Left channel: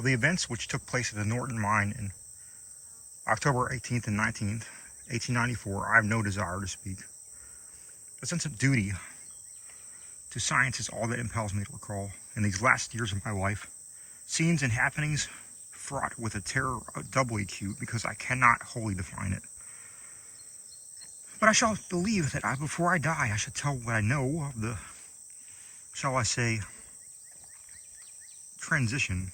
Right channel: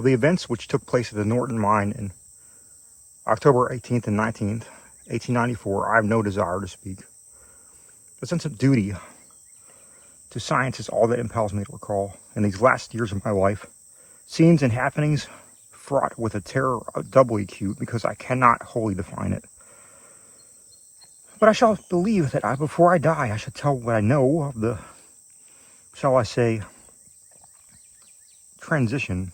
Of the events which took place at the Norton Mine in October 18th and 19th, 1894, I have no desire to speak. The sense of duty to science is all that impels me to recall, in these last years of my life, scenes and happenings fraught with a terror doubly acute because I cannot wholly define it. But I shall believe that before I die, I shall tell what I know of the, shall I say, transition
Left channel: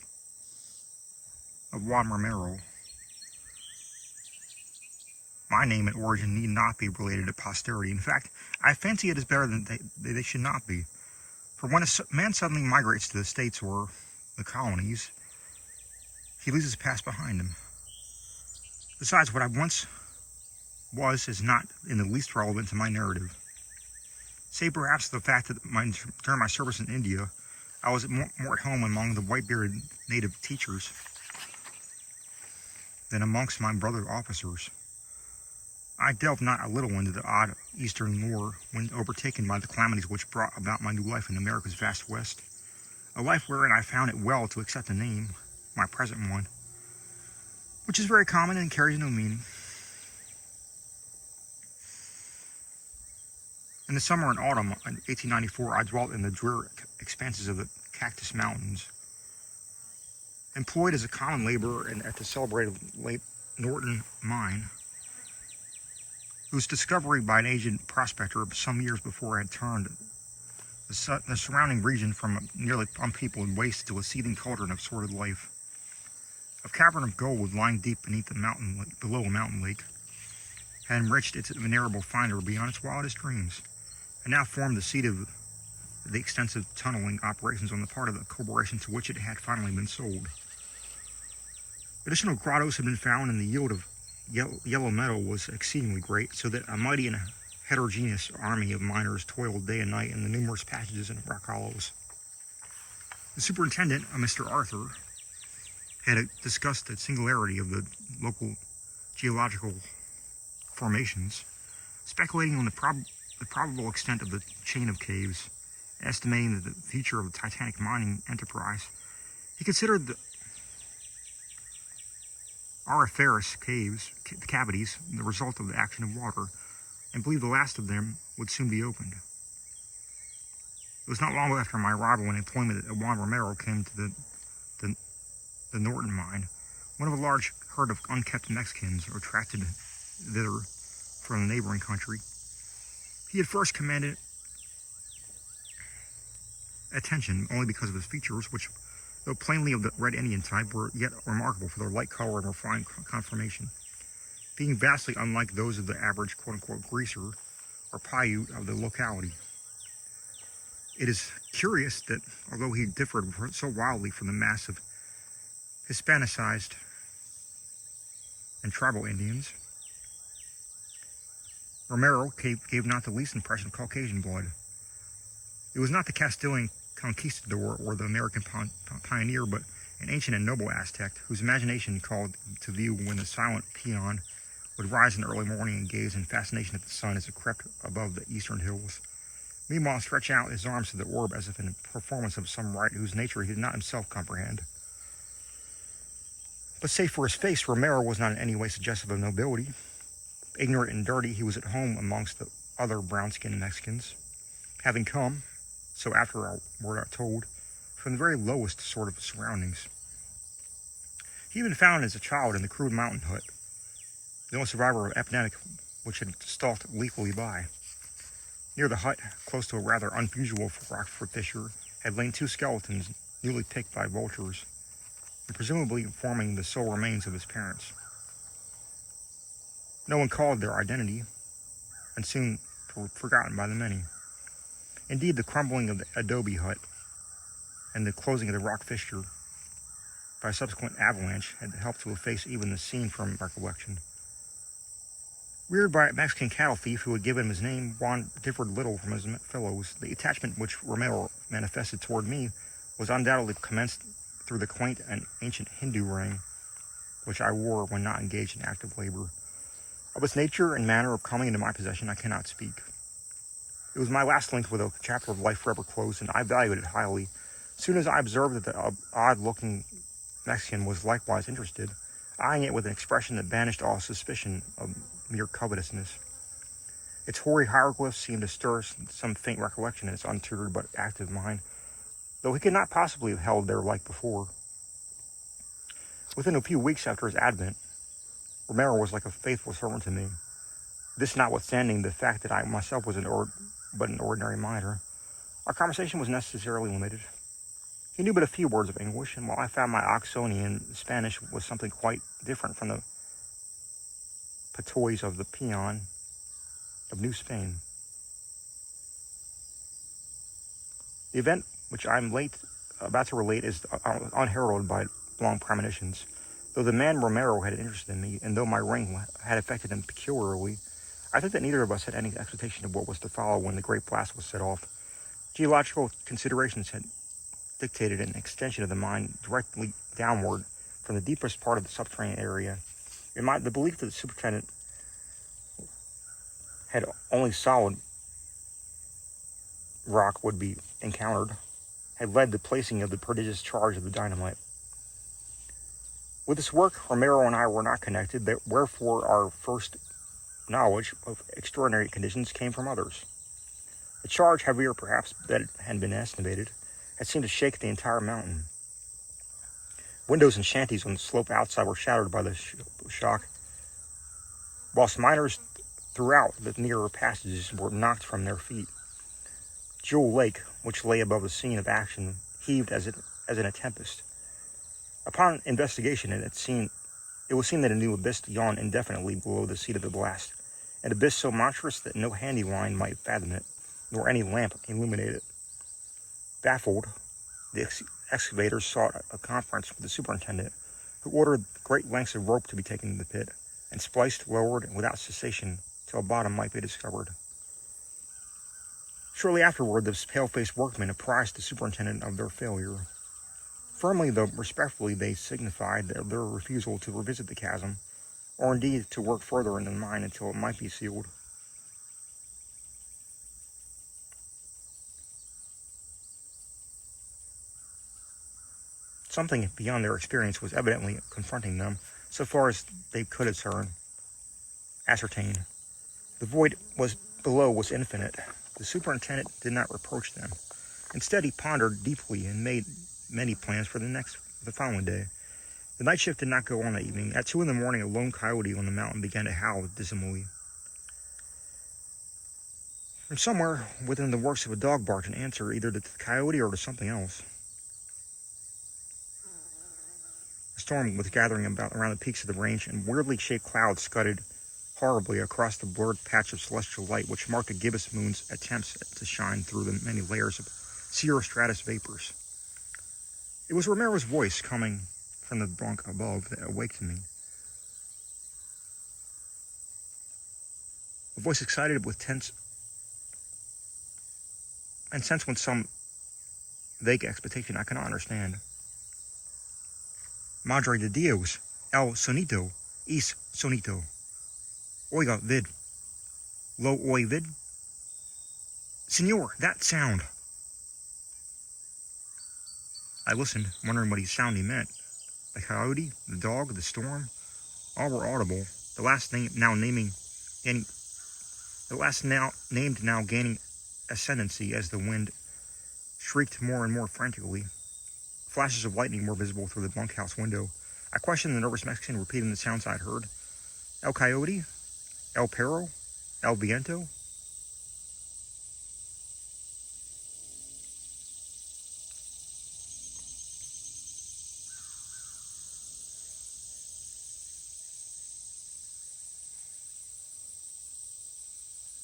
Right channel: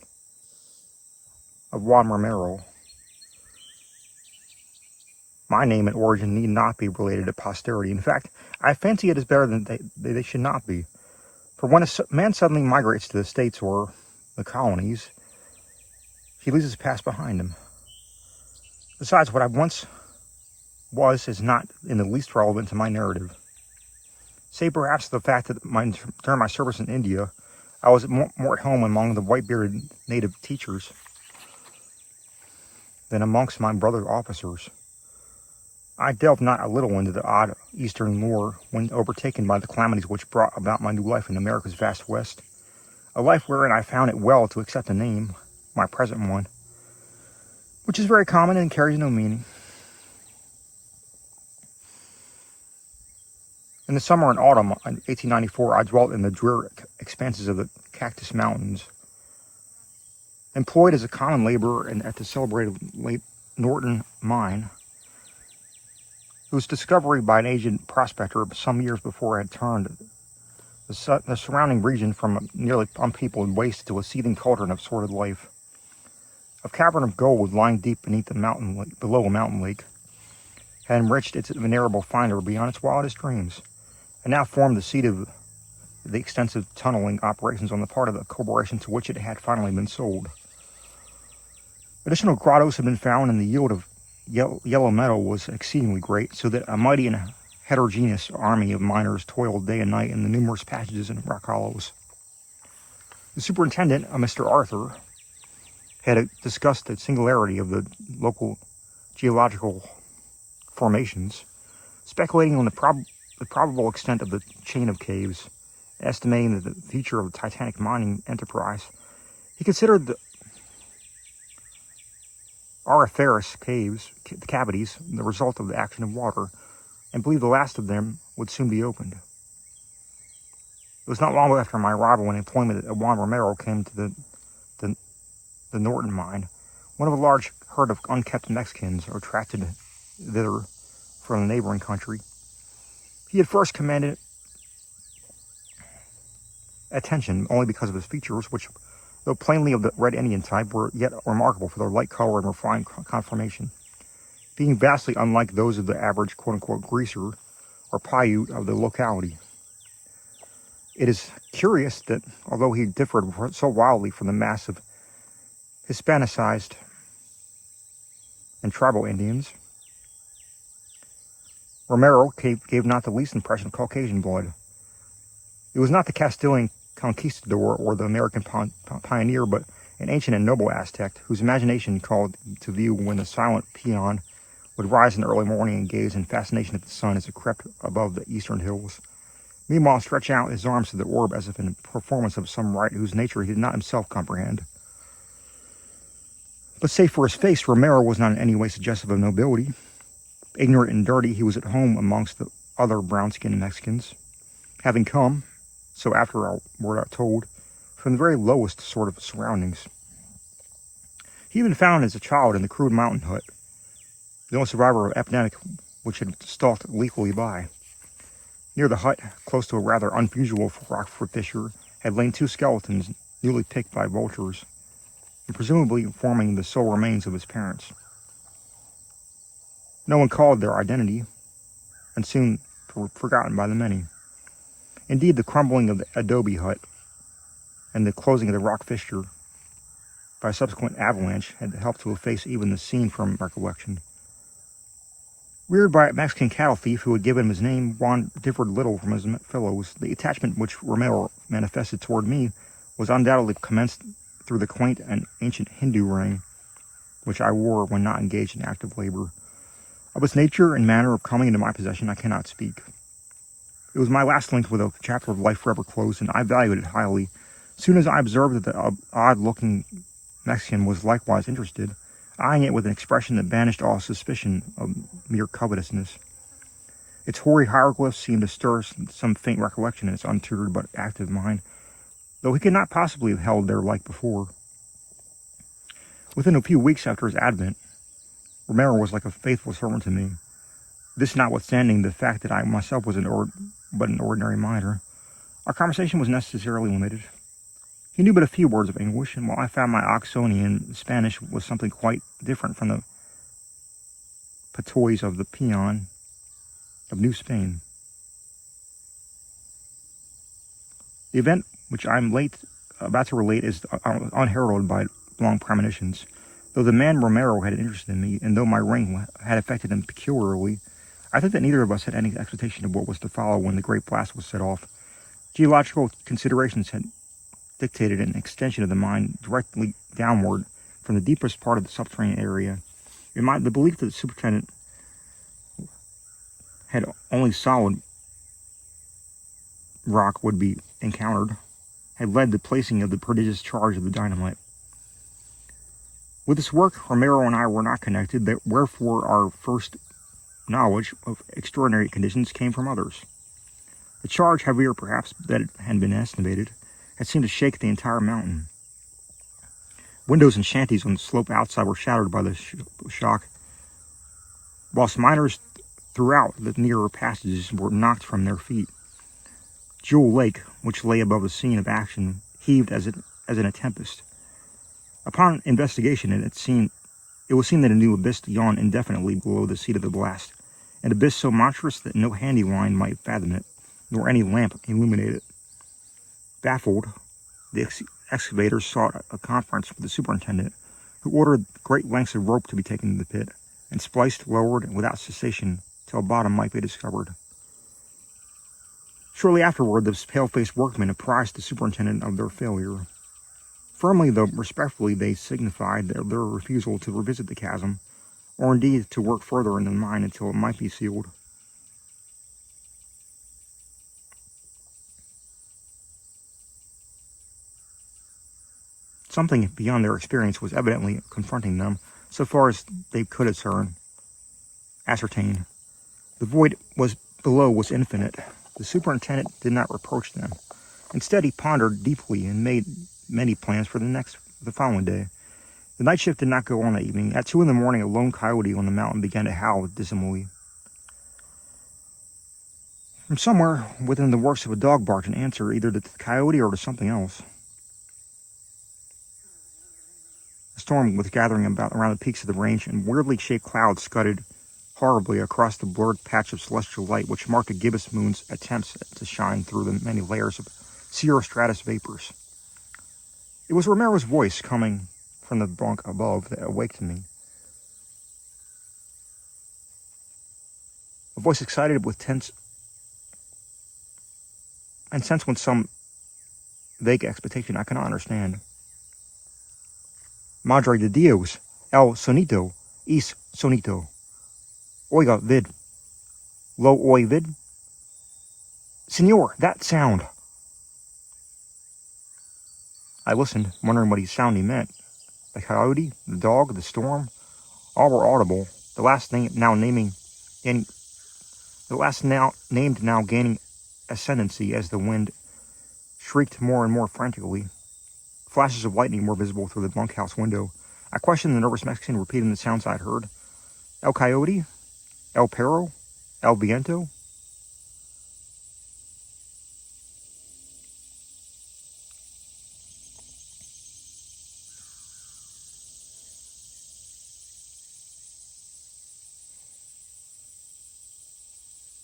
of Juan Romero. My name and origin need not be related to posterity. In fact, I fancy it is better than they should not be. For when a man suddenly migrates to the States or the colonies, he leaves his past behind him. Besides, what I once was is not in the least relevant to my narrative. Say perhaps the fact that during my service in India, I was more at home among the white-bearded native teachers than amongst my brother officers. I delved not a little into the odd Eastern lore when overtaken by the calamities which brought about my new life in America's vast West, a life wherein I found it well to accept a name, my present one, which is very common and carries no meaning. In the summer and autumn of 1894, I dwelt in the dreary expanses of the Cactus Mountains, employed as a common laborer at the celebrated Norton Mine, whose discovery by an aged prospector some years before had turned the surrounding region from a nearly unpeopled waste to a seething cauldron of sordid life. A cavern of gold lying deep beneath below a mountain lake had enriched its venerable finder beyond its wildest dreams, and now formed the seat of the extensive tunneling operations on the part of the corporation to which it had finally been sold. Additional grottos had been found, and the yield of yellow metal was exceedingly great, so that a mighty and heterogeneous army of miners toiled day and night in the numerous passages and rock hollows. The superintendent, Mr. Arthur, had discussed the singularity of the local geological formations, speculating on the probable extent of the chain of caves, estimating the future of the Titanic mining enterprise. He considered the auriferous cavities the result of the action of water, and believed the last of them would soon be opened. It was not long after my arrival in employment that Juan Romero came to the Norton Mine. One of a large herd of unkept Mexicans attracted thither from the neighboring country. He had first commanded attention only because of his features, which, though plainly of the red Indian type, were yet remarkable for their light color and refined conformation, being vastly unlike those of the average quote-unquote greaser or Paiute of the locality. It is curious that, although he differed so wildly from the mass of Hispanicized and tribal Indians, Romero gave not the least impression of Caucasian blood. It was not the Castilian conquistador or the American pioneer, but an ancient and noble Aztec, whose imagination called to view when the silent peon would rise in the early morning and gaze in fascination at the sun as it crept above the eastern hills, meanwhile stretch out his arms to the orb as if in performance of some rite whose nature he did not himself comprehend. But save for his face, Romero was not in any way suggestive of nobility. Ignorant and dirty, he was at home amongst the other brown-skinned Mexicans, having come, so after we're told, from the very lowest sort of surroundings. He had been found as a child in the crude mountain hut, the only survivor of an epidemic which had stalked lethally by. Near the hut, close to a rather unusual Rockford fissure, had lain two skeletons newly picked by vultures, and presumably forming the sole remains of his parents. No one called their identity, and soon forgotten by the many. Indeed, the crumbling of the adobe hut and the closing of the rock fissure by a subsequent avalanche had helped to efface even the scene from recollection. Reared by a Mexican cattle thief who had given him his name, Juan differed little from his fellows. The attachment which Romero manifested toward me was undoubtedly commenced through the quaint and ancient Hindu ring which I wore when not engaged in active labor. Of its nature and manner of coming into my possession I cannot speak. It was my last link with a chapter of life forever closed, and I valued it highly. As soon as I observed that the odd-looking Mexican was likewise interested, eyeing it with an expression that banished all suspicion of mere covetousness. Its hoary hieroglyphs seemed to stir some faint recollection in its untutored but active mind, though he could not possibly have held their like before. Within a few weeks after his advent, Romero was like a faithful servant to me, this notwithstanding the fact that I myself was but an ordinary miner. Our conversation was necessarily limited. He knew but a few words of English, and while I found my Oxonian Spanish was something quite different from the patois of the peon of New Spain. The event which I am about to relate is unheralded by long premonitions. Though the man Romero had interested in me, and though my ring had affected him peculiarly, I think that neither of us had any expectation of what was to follow when the great blast was set off. Geological considerations had dictated an extension of the mine directly downward from the deepest part of the subterranean area. The belief that the superintendent had only solid rock would be encountered had led to the placing of the prodigious charge of the dynamite. With this work, Romero and I were not connected, wherefore our first knowledge of extraordinary conditions came from others. The charge, heavier perhaps than it had been estimated, had seemed to shake the entire mountain. Windows and shanties on the slope outside were shattered by the shock, whilst miners throughout the nearer passages were knocked from their feet. Jewel Lake, which lay above the scene of action, heaved as in a tempest. Upon investigation, it was seen that a new abyss yawned indefinitely below the seat of the blast, an abyss so monstrous that no handy line might fathom it, nor any lamp illuminate it. Baffled, the excavators sought a conference with the superintendent, who ordered great lengths of rope to be taken to the pit, and spliced, lowered, without cessation, till bottom might be discovered. Shortly afterward, the pale-faced workmen apprised the superintendent of their failure. Firmly, though respectfully, they signified their refusal to revisit the chasm, or indeed to work further in the mine until it might be sealed. Something beyond their experience was evidently confronting them, so far as they could ascertain. The void below was infinite. The superintendent did not reproach them. Instead, he pondered deeply and made many plans for the following day. The night shift did not go on that evening. At 2 a.m, a lone coyote on the mountain began to howl dismally. From somewhere within the works of a dog barked an answer, either to the coyote or to something else. A storm was gathering around the peaks of the range, and weirdly shaped clouds scudded horribly across the blurred patch of celestial light which marked the gibbous moon's attempts to shine through the many layers of cirrostratus vapors. It was Romero's voice coming from the bunk above that awakened me. A voice excited with tense and sensed with some vague expectation I cannot understand. Madre de Dios, el sonito, es sonito. Oiga vid. Lo oy vid. Senor, that sound. I listened, wondering what sound he meant. The coyote, the dog, the storm, all were audible. The last named now gaining ascendancy as the wind shrieked more and more frantically. Flashes of lightning were visible through the bunkhouse window. I questioned the nervous Mexican, repeating the sounds I had heard. El coyote? El perro? El viento?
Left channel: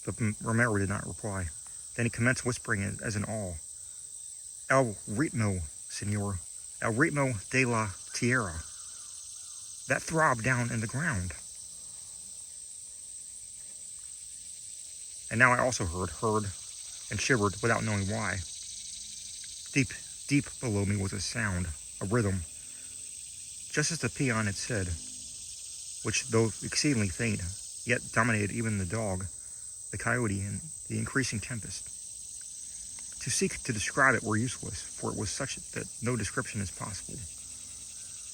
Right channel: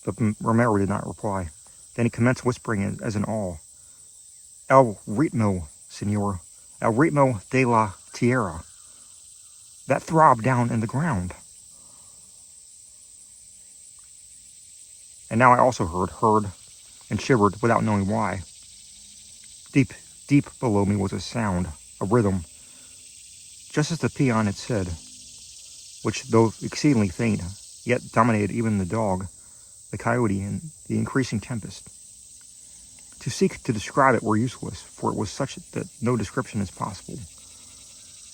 But Romero did not reply. Then he commenced whispering as in awe. El ritmo, senor. El ritmo de la tierra. That throb down in the ground. And now I also heard, and shivered without knowing why. Deep, deep below me was a sound, a rhythm, just as the peon had said, which, though exceedingly faint, yet dominated even the dog, the coyote, and the increasing tempest. To seek to describe it were useless, for it was such that no description is possible.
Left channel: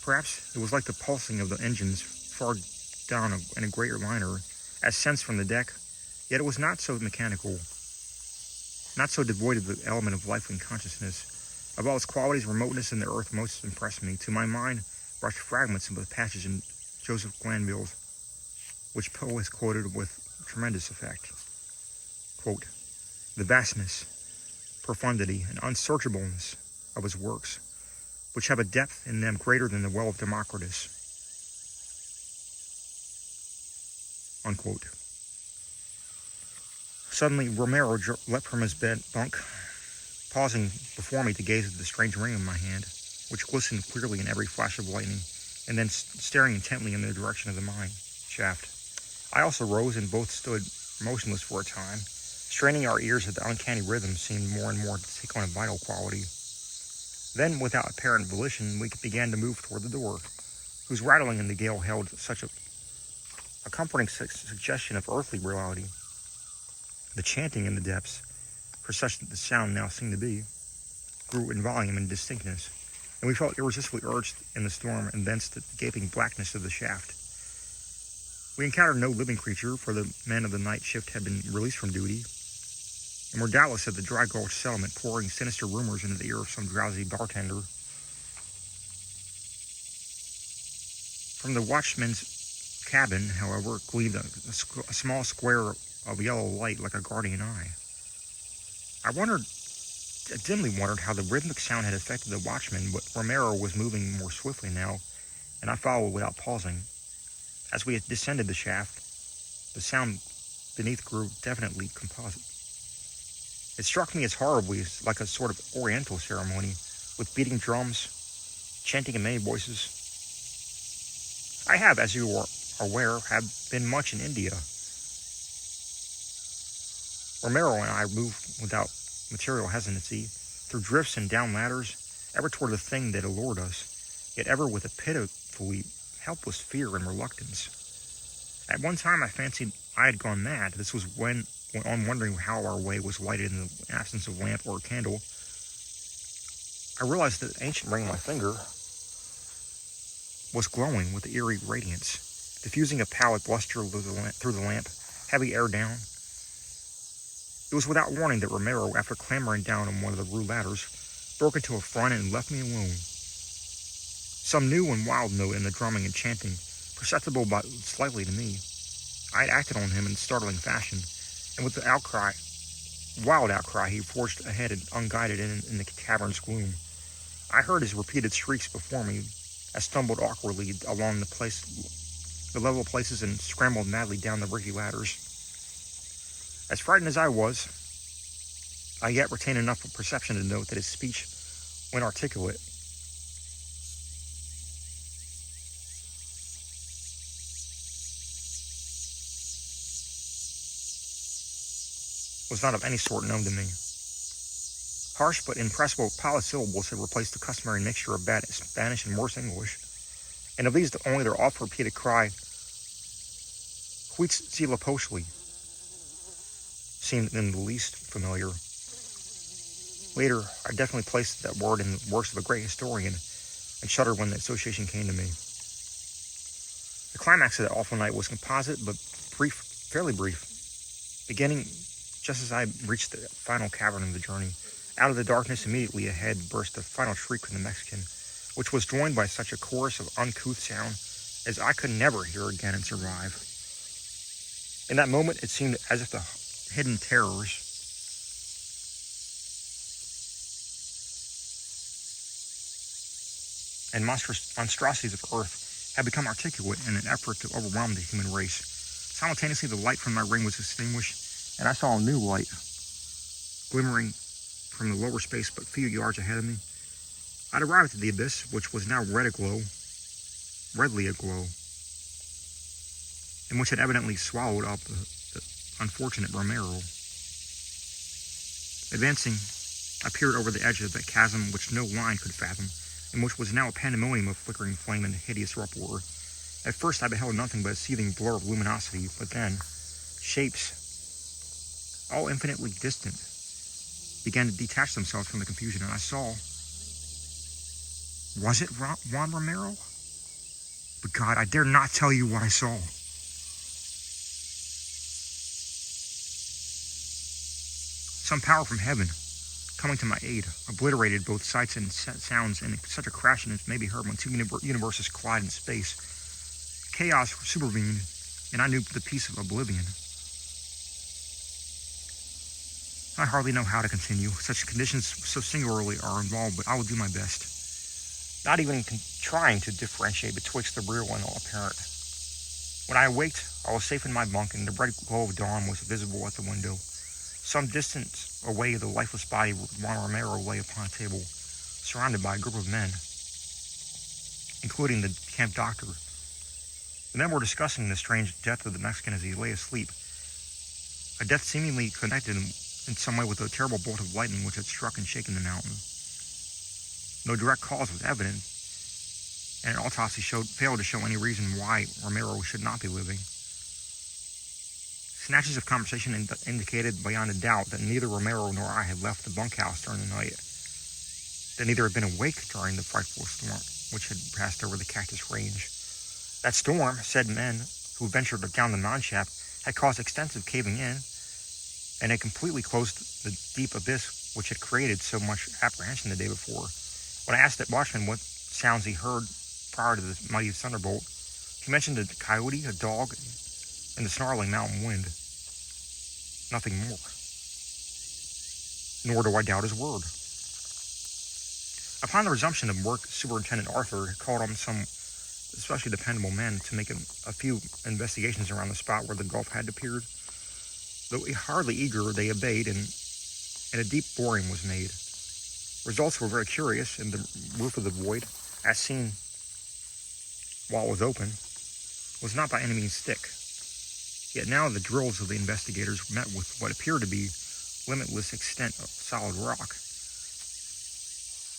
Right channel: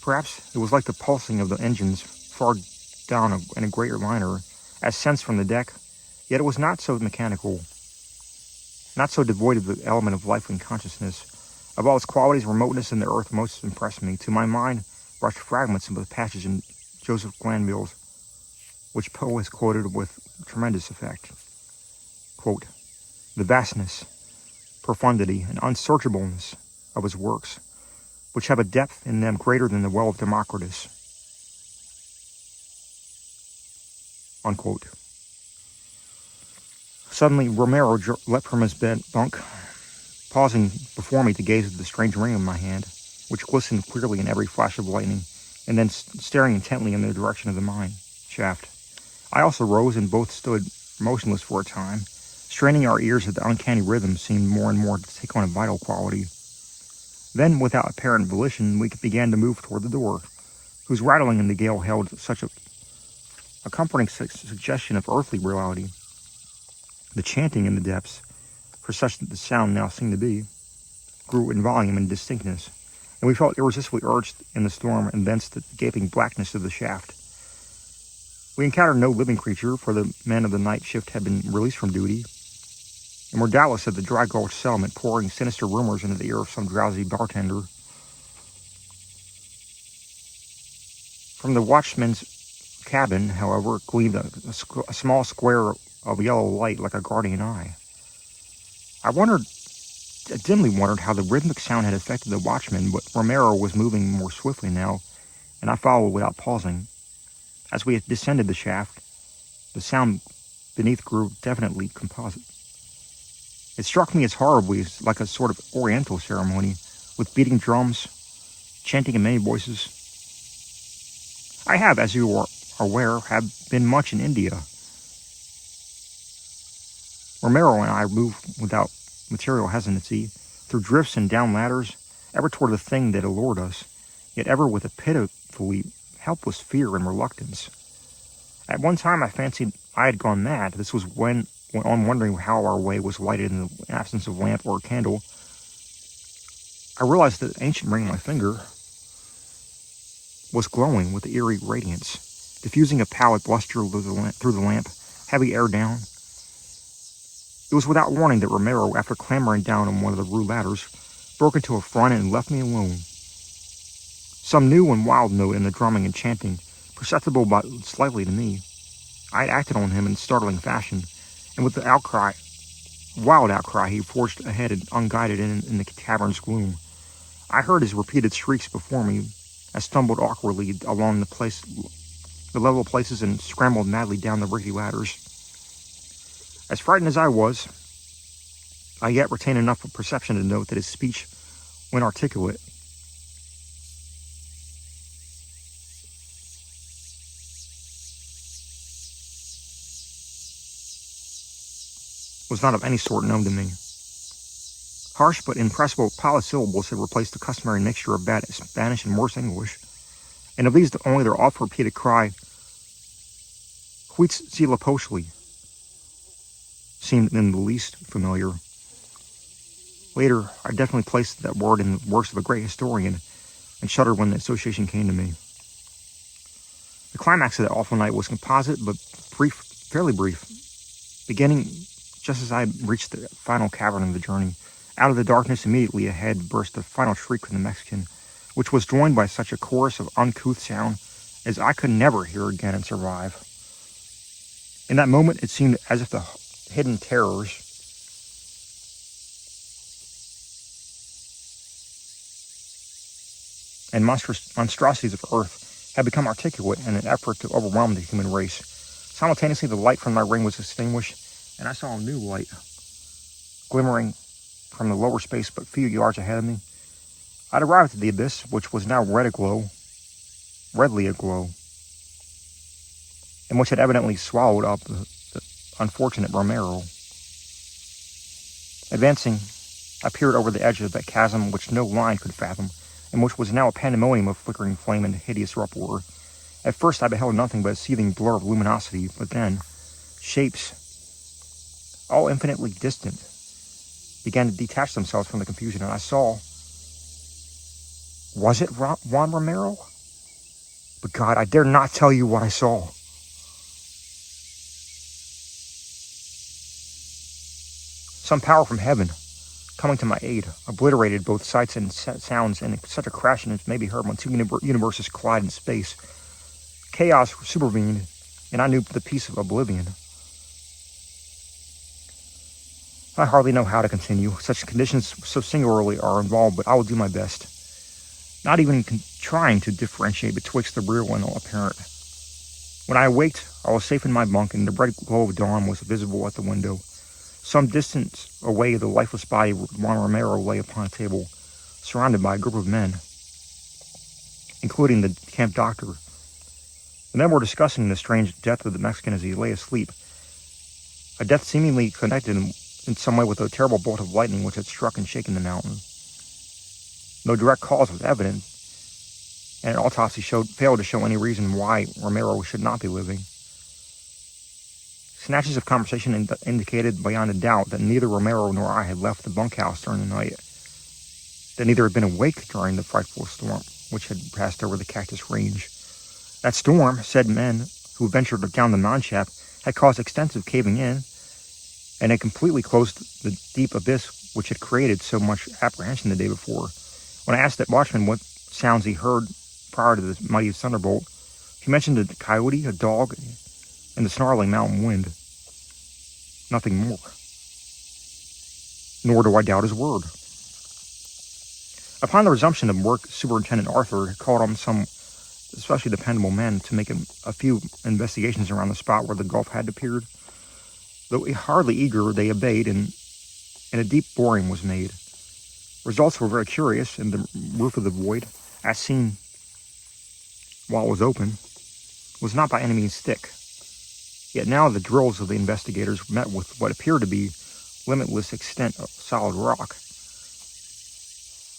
Perhaps it was like the pulsing of the engines far down in a greater liner, as sensed from the deck, yet it was not so mechanical, not so devoid of the element of life and consciousness. Of all its qualities, remoteness in the earth most impressed me. To my mind rushed fragments of the passage in Joseph Glanville's, which Poe has quoted with tremendous effect. Quote, "The vastness, profundity, and unsearchableness of his works, which have a depth in them greater than the well of Democritus." Unquote. Suddenly, Romero leapt from his bunk, pausing before me to gaze at the strange ring in my hand, which glistened clearly in every flash of lightning, and then staring intently in the direction of the mine shaft. I also rose, and both stood motionless for a time, straining our ears at the uncanny rhythm seemed more and more to take on a vital quality. Then, without apparent volition, we began to move toward the door, whose rattling in the gale held such a comforting suggestion of earthly reality. The chanting in the depths, for such the sound now seemed to be, grew in volume and distinctness, and we felt irresistibly urged in the storm and thence the gaping blackness of the shaft. We encountered no living creature, for the men of the night shift had been released from duty, and were doubtless at the dry gulch settlement pouring sinister rumors into the ear of some drowsy bartender. From the watchman's cabin, however, gleamed a small square of yellow light like a guardian eye. I dimly wondered how the rhythmic sound had affected the watchman, but Romero was moving more swiftly now, and I followed without pausing. As we descended the shaft, the sound beneath grew definitely composite. It struck me as horribly like a sort of oriental ceremony, with beating drums, chanting in many voices. I have, as you are aware, been much in India. Romero and I moved without material hesitancy, through drifts and down ladders, ever toward the thing that allured us, yet ever with a pitifully helpless fear and reluctance. At one time I fancied I had gone mad. This was when on wondering how our way was lighted in the absence of lamp or candle, I realized that the ancient ring on my finger was glowing with eerie radiance, diffusing a pallid luster through the lamp, heavy air down. It was without warning that Romero, after clambering down on one of the rude ladders, broke into a front and left me alone. Some new and wild note in the drumming and chanting, perceptible but slightly to me, I had acted on him in startling fashion, and with the wild outcry, he forged ahead unguided in the cavern's gloom. I heard his repeated shrieks before me. I stumbled awkwardly along the level places and scrambled madly down the rickety ladders. As frightened as I was, I yet retained enough of perception to note that his speech, when articulate, was not of any sort known to me. Harsh but impressible polysyllables had replaced the customary mixture of bad Spanish and Morse English, and of these only their oft-repeated cry, "Quits sila poshli," seemed in the least familiar. Later, I definitely placed that word in the works of a great historian, and shuddered when the association came to me. The climax of that awful night was composite, but brief, fairly brief, beginning just as I had reached the final cavern of the journey. Out of the darkness immediately ahead burst the final shriek from the Mexican, which was joined by such a chorus of uncouth sound as I could never hear again and survive. In that moment, it seemed as if the hidden terrors and monstrosities of earth had become articulate in an effort to overwhelm the human race. Simultaneously, the light from my ring was extinguished, and I saw a new light glimmering from the lower space but few yards ahead of me. I'd arrived at the abyss, which was now redly aglow, and which had evidently swallowed up the unfortunate Romero. Advancing, I peered over the edge of that chasm which no line could fathom, and which was now a pandemonium of flickering flame and hideous uproar. At first I beheld nothing but a seething blur of luminosity, but then shapes, all infinitely distant, began to detach themselves from the confusion, and I saw... Was it Juan Romero? But God, I dare not tell you what I saw. Some power from heaven, coming to my aid, obliterated both sights and sounds, and such a crashing as may be heard when two universes collide in space. Chaos supervened, and I knew the peace of oblivion. I hardly know how to continue. Such conditions so singularly are involved, but I will do my best. Not even trying to differentiate betwixt the real and the apparent. When I awaked, I was safe in my bunk, and the bright glow of dawn was visible at the window. Some distance away, the lifeless body of Juan Romero lay upon a table, surrounded by a group of men, including the camp doctor. The men were discussing the strange death of the Mexican as he lay asleep, a death seemingly connected in some way with a terrible bolt of lightning which had struck and shaken the mountain. No direct cause was evident, and an autopsy failed to show any reason why Romero should not be living. Snatches of conversation indicated beyond a doubt that neither Romero nor I had left the bunkhouse during the night, that neither had been awake during the frightful storm which had passed over the Cactus Range. That storm, said men who ventured down the mine shaft, had caused extensive caving in, and had completely closed the deep abyss which had created so much apprehension the day before. When I asked that watchman what sounds he heard prior to the mighty thunderbolt, he mentioned a coyote, a dog, and the snarling mountain wind. Nothing more. Nor do I doubt his word. Upon the resumption of work, Superintendent Arthur called on some especially dependable men to make a few investigations around the spot where the gulf had appeared. Though hardly eager, they obeyed, and a deep boring was made. Results were very curious, and the roof of the void, as seen while it was open, was not by any means thick. Yet now the drills of the investigators met with what appeared to be limitless extent of solid rock.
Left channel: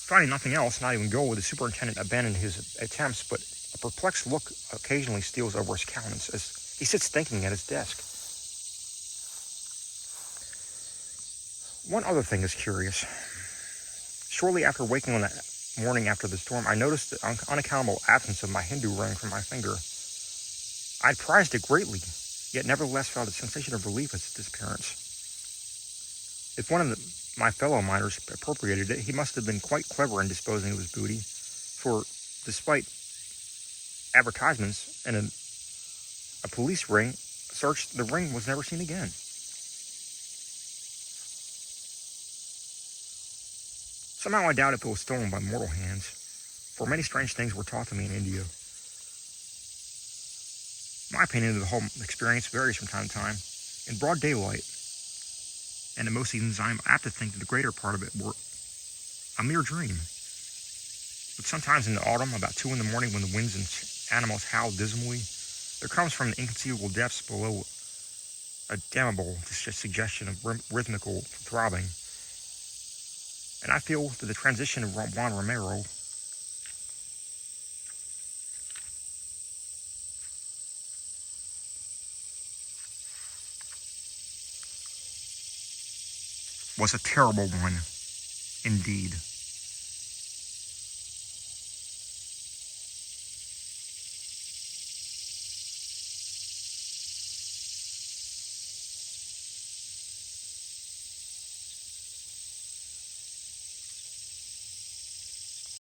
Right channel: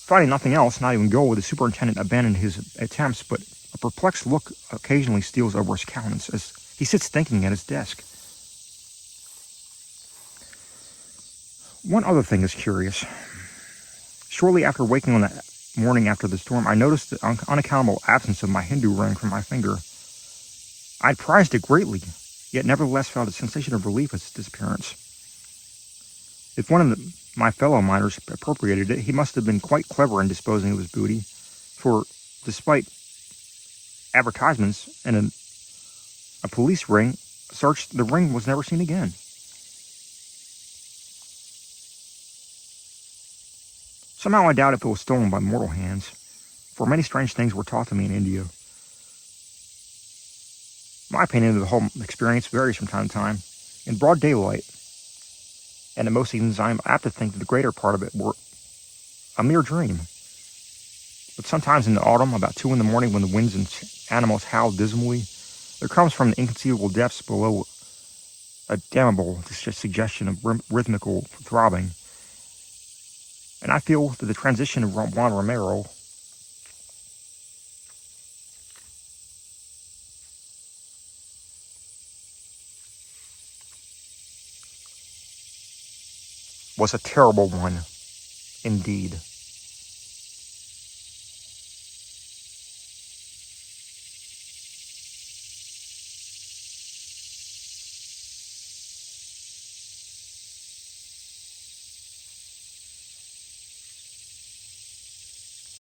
Finding nothing else, not even gold, the superintendent abandoned his attempts, but a perplexed look occasionally steals over his countenance as he sits thinking at his desk. One other thing is curious. Shortly after waking on the morning after the storm, I noticed the unaccountable absence of my Hindu ring from my finger. I had prized it greatly, yet nevertheless felt a sensation of relief at its disappearance. If one of my fellow miners appropriated it, he must have been quite clever in disposing of his booty, for despite advertisements and a police ring search, the ring was never seen again. Somehow I doubt if it was stolen by mortal hands, for many strange things were taught to me in India. My opinion of the whole experience varies from time to time. In broad daylight, and in most evenings I am apt to think that the greater part of it were a mere dream. But sometimes in the autumn, about 2 in the morning, when the winds and animals howl dismally, there comes from the inconceivable depths below a damnable suggestion of rhythmical throbbing. And I feel that the transition of Juan Romero was a terrible one indeed.